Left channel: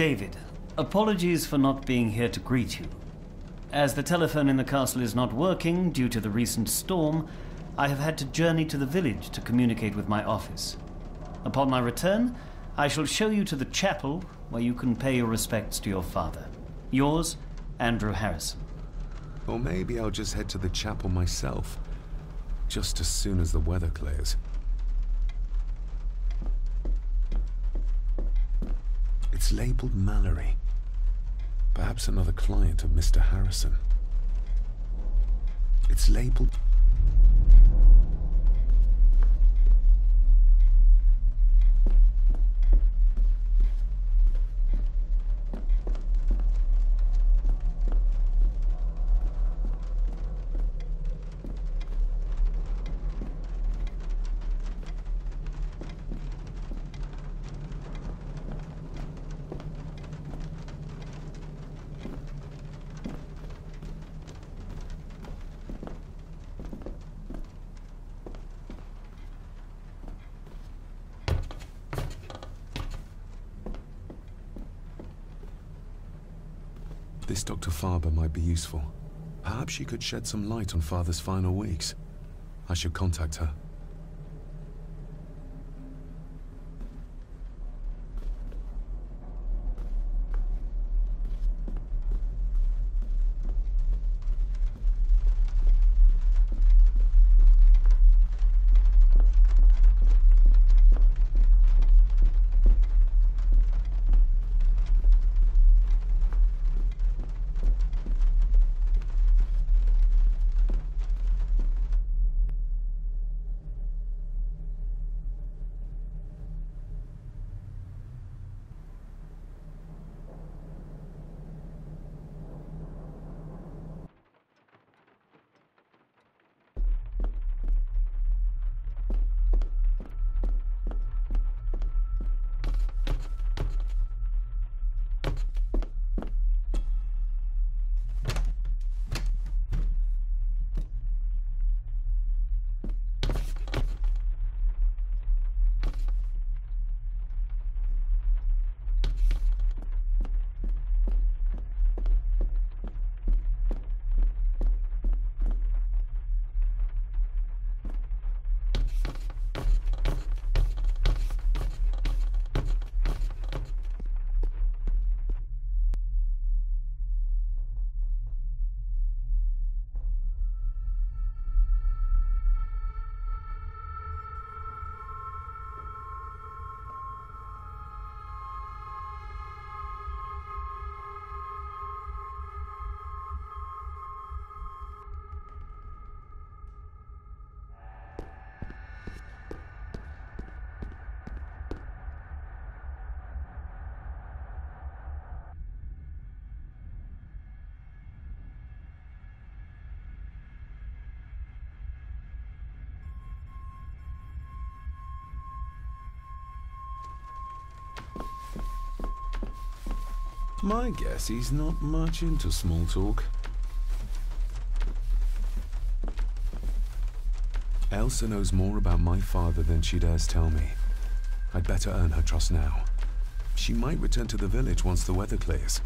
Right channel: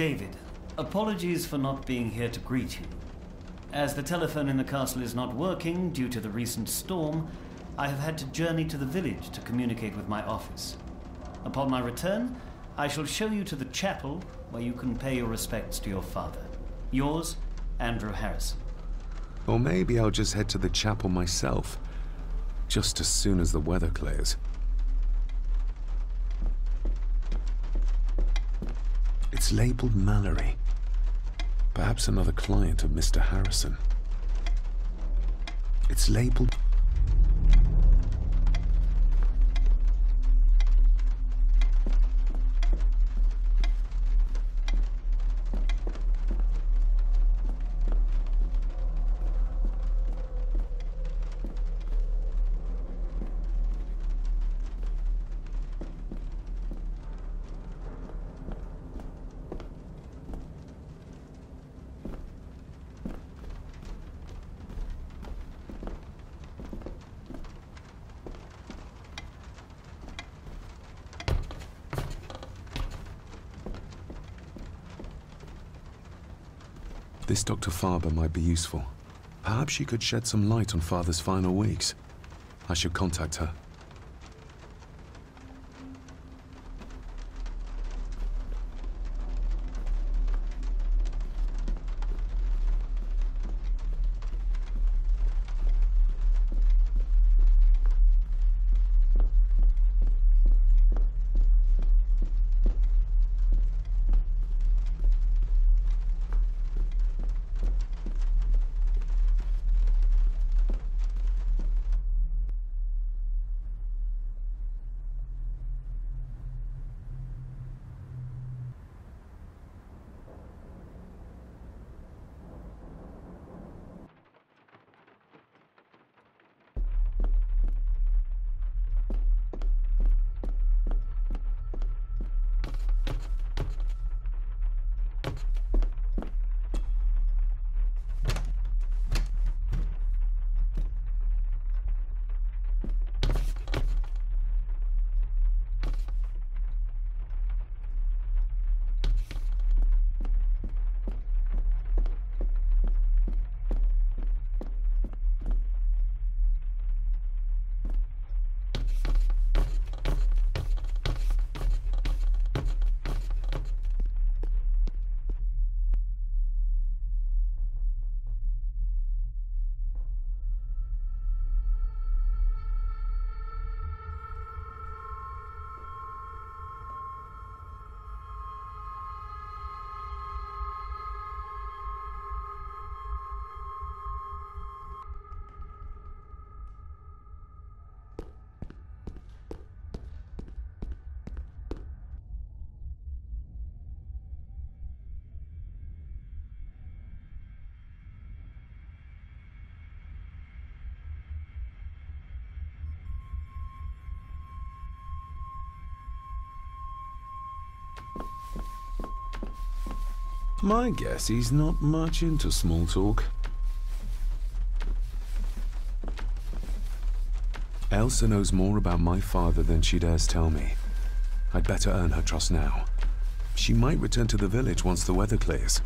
David, apologies for not being here to greet you. As the telephone in the castle is not working due to the recent storm, I have had to journey to the village to communicate with my office. Upon my return, I shall show you to the chapel where you can pay your respects to your father. Yours, Andrew Harrison. Or maybe I'll just head to the chapel myself, just as soon as the weather clears. It's labeled Mallory. Perhaps another client of Mr. Harrison. It's labeled... This Dr. Farber might be useful. Perhaps she could shed some light on Father's final weeks. I should contact her. My guess he's not much into small talk. Elsa knows more about my father than she dares tell me. I'd better earn her trust now. She might return to the village once the weather clears.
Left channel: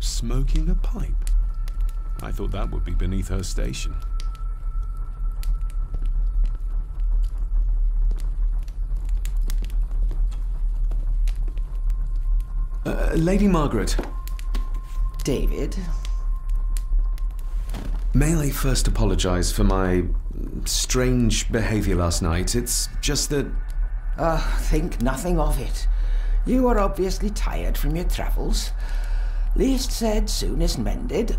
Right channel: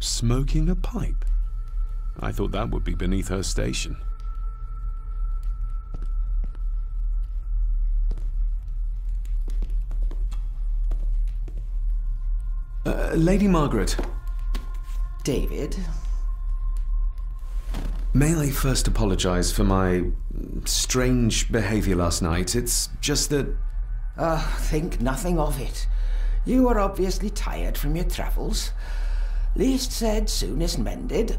Smoking a pipe? I thought that would be beneath her station. Lady Margaret. David? May I first apologize for my strange behavior last night? It's just that... Think nothing of it. You are obviously tired from your travels. Least said, soonest mended.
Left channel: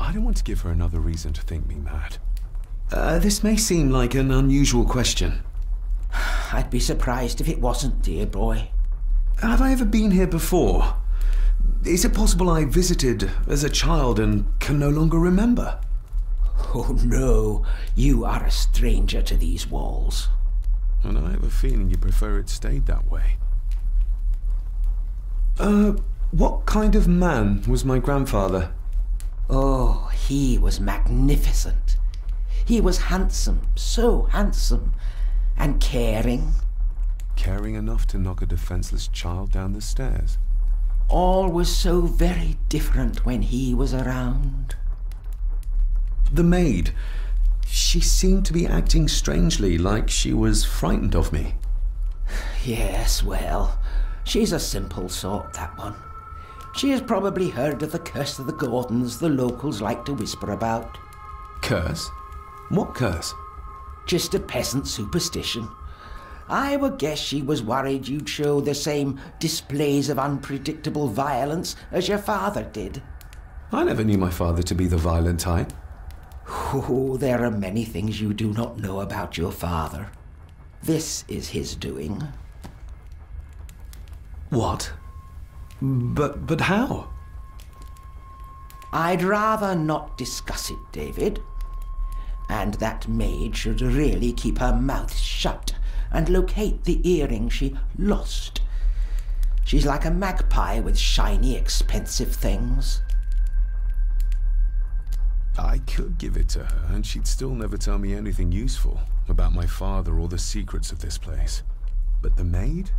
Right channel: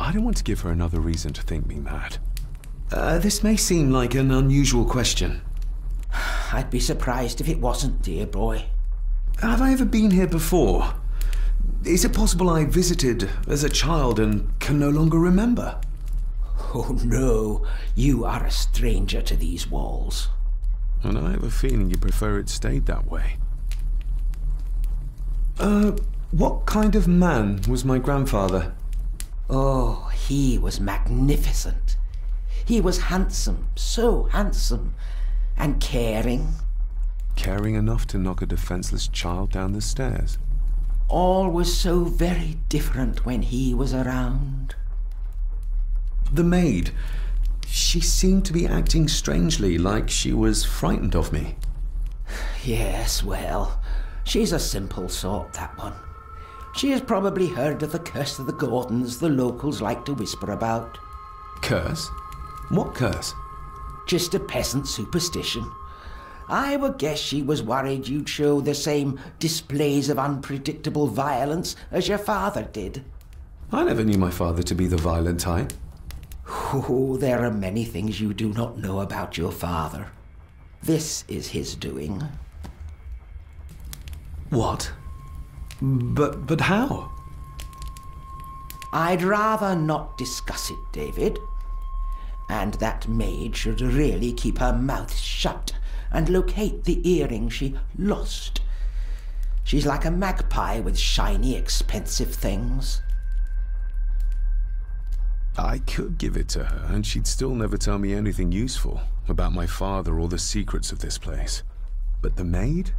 I don't want to give her another reason to think me mad. This may seem like an unusual question. I'd be surprised if it wasn't, dear boy. Have I ever been here before? Is it possible I visited as a child and can no longer remember? Oh, no. You are a stranger to these walls. And I have a feeling you prefer it stayed that way. What kind of man was my grandfather? Oh, he was magnificent. He was handsome, so handsome, and caring. Caring enough to knock a defenseless child down the stairs. All was so very different when he was around. The maid. She seemed to be acting strangely, like she was frightened of me. Yes, well, she's a simple sort, that one. She has probably heard of the curse of the Gordons the locals like to whisper about. Curse? What curse? Just a peasant superstition. I would guess she was worried you'd show the same displays of unpredictable violence as your father did. I never knew my father to be the violent type. Oh, there are many things you do not know about your father. This is his doing. What? But how? I'd rather not discuss it, David. And that maid should really keep her mouth shut and locate the earring she lost. She's like a magpie with shiny, expensive things. I could give it to her, and she'd still never tell me anything useful about my father or the secrets of this place. But the maid?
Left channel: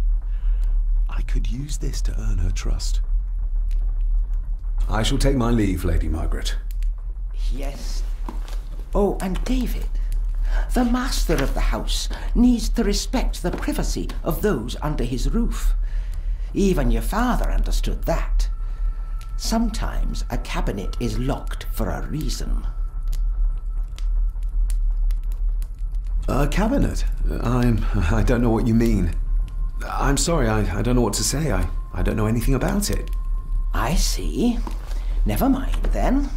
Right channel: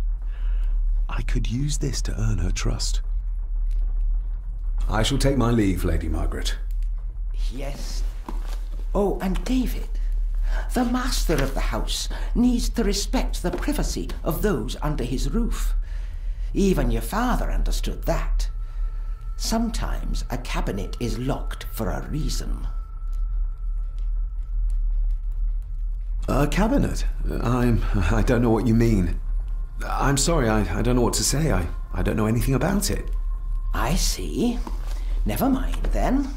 I could use this to earn her trust. I shall take my leave, Lady Margaret. Yes. Oh, and David, the master of the house needs to respect the privacy of those under his roof. Even your father understood that. Sometimes a cabinet is locked for a reason. A cabinet? I don't know what you mean. I'm sorry, I don't know what to say. I don't know anything about it. I see. Never mind, then.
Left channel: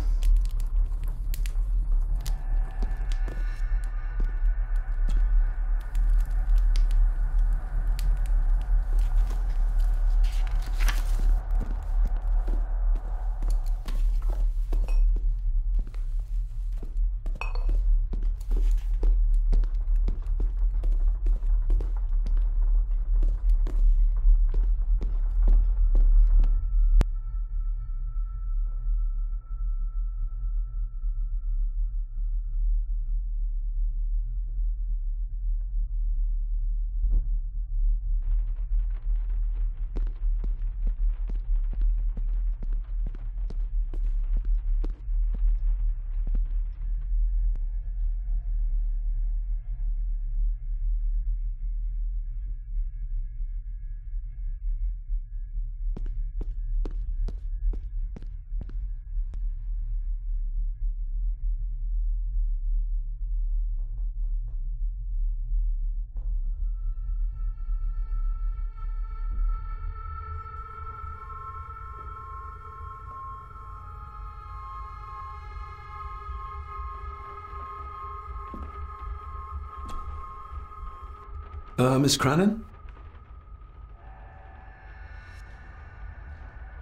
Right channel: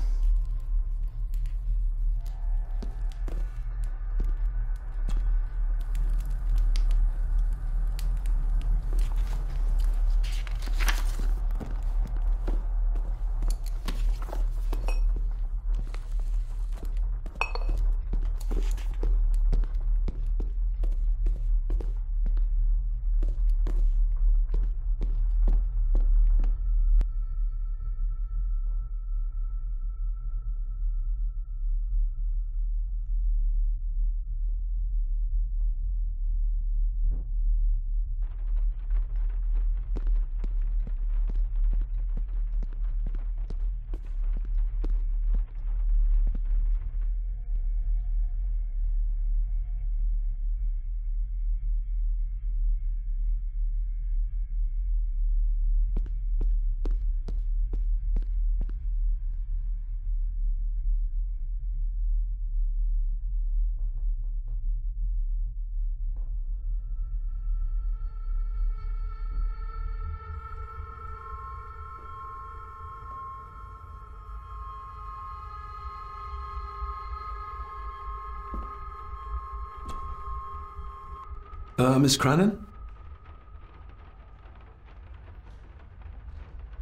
Miss Crannan?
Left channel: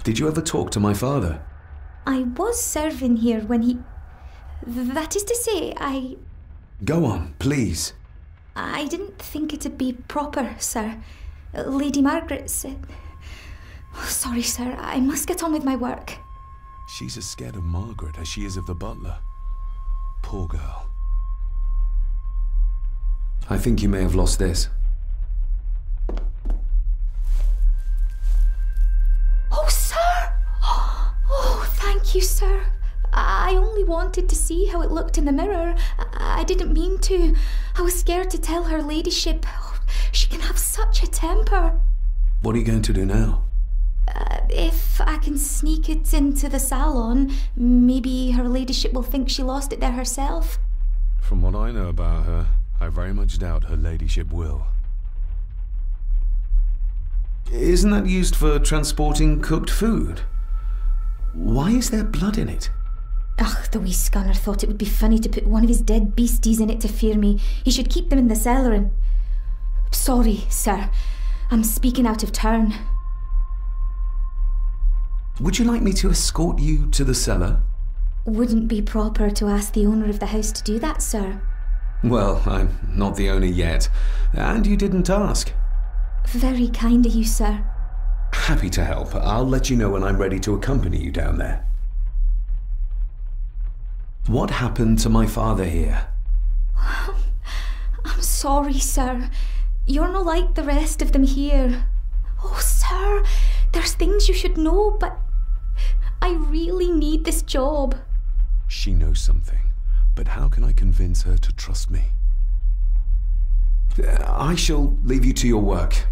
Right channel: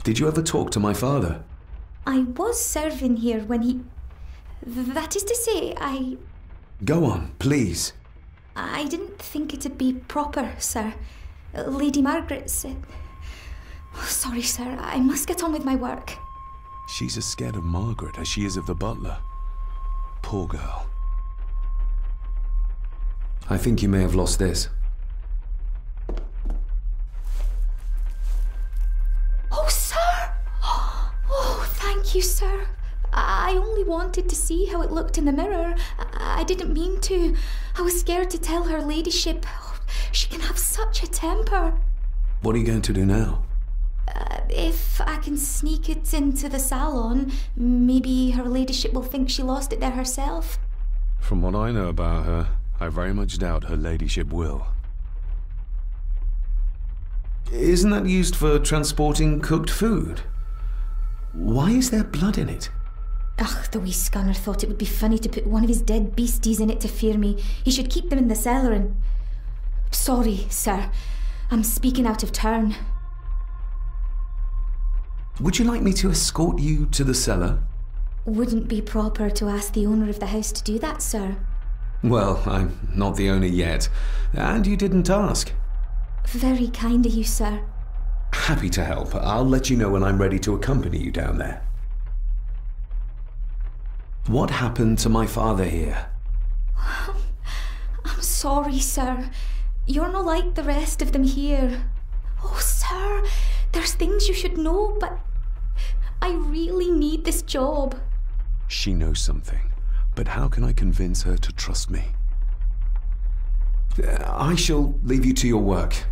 Did you ever talk to my father? I was serving here when he... That is to say, Go on, please. I didn't think it'd be proper, sir. Lady Margaret said... Sorry, sir, I must get on with my work. She's as scared of Margaret as she is of the butler. Poor girl. I think you may have lost this. Oh, sir! Oh, thank you, sir. I only wanted to see how it looked in the mirror. I didn't mean to. I was scared to tell her ladyship. Oh, she can have such a temper. What are you going to do now? If I can sneak it into the salon, maybe her ladyship will think she lost it there herself. From what I know about her, I very much doubt her ladyship will. Isn't that used for transporting cooked food? Why is there blood in it? Ugh, the wee scunner thought it would be funny to put one of his dead beasties in it to fear me. He should keep them in the cellar and... Sorry, sir. I'm speaking out of turn. Would you like me to escort you to the cellar? Wouldn't be proper to ask the owner of the house to do that, sir. Well, I'm not the owner yet, and you didn't ask. Very kind of you, sir. Happy to help. I'll let you know when I'm ready to accompany you down there. What happened to my father here? I'm sorry, sir. You're not like the rest of them here. Oh, sir, there's things you should know, but I really need this job. She knows something, but how can I convince her to trust me? I shall leave you to your work.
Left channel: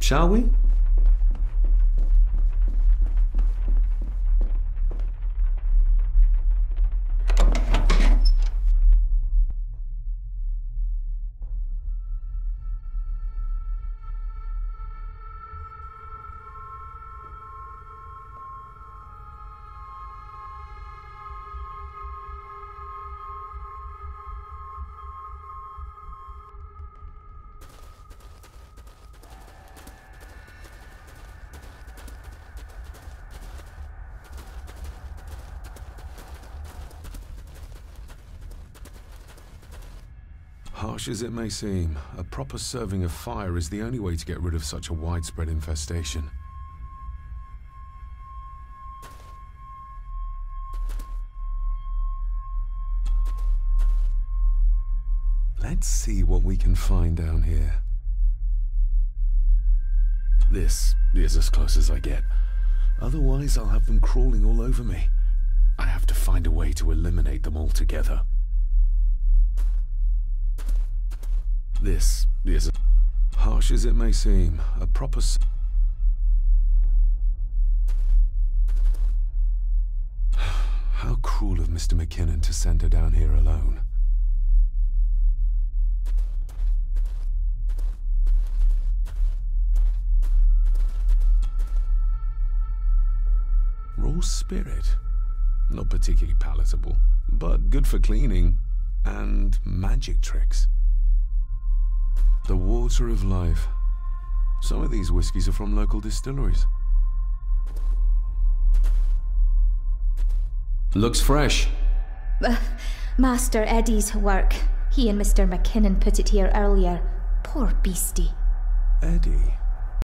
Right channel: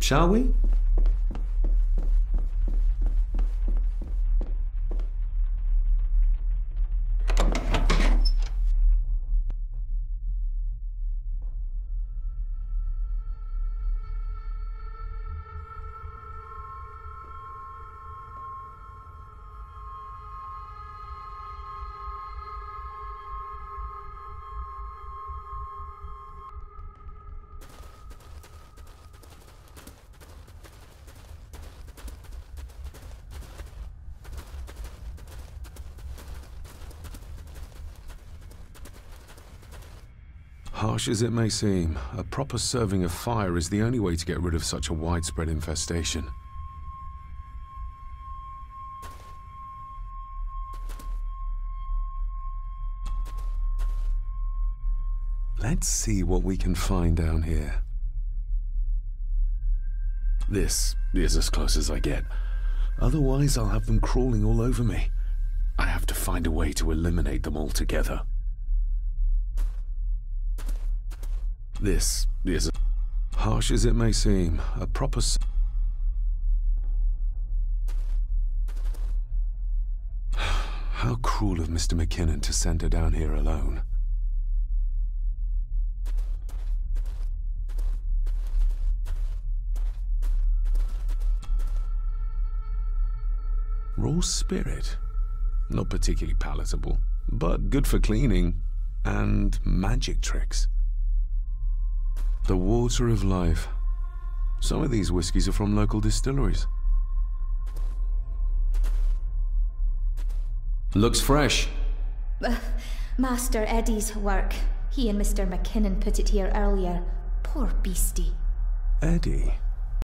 Shall we? Harsh as it may seem, a proper serving of fire is the only way to get rid of such a widespread infestation. Let's see what we can find down here. This is as close as I get. Otherwise, I'll have them crawling all over me. I have to find a way to eliminate them altogether. This is harsh as it may seem, a proper... How cruel of Mr. McKinnon to send her down here alone. Raw spirit. Not particularly palatable, but good for cleaning and magic tricks. The water of life. Some of these whiskies are from local distilleries. Looks fresh. Master Eddie's work. He and Mr. McKinnon put it here earlier. Poor beastie. Eddie?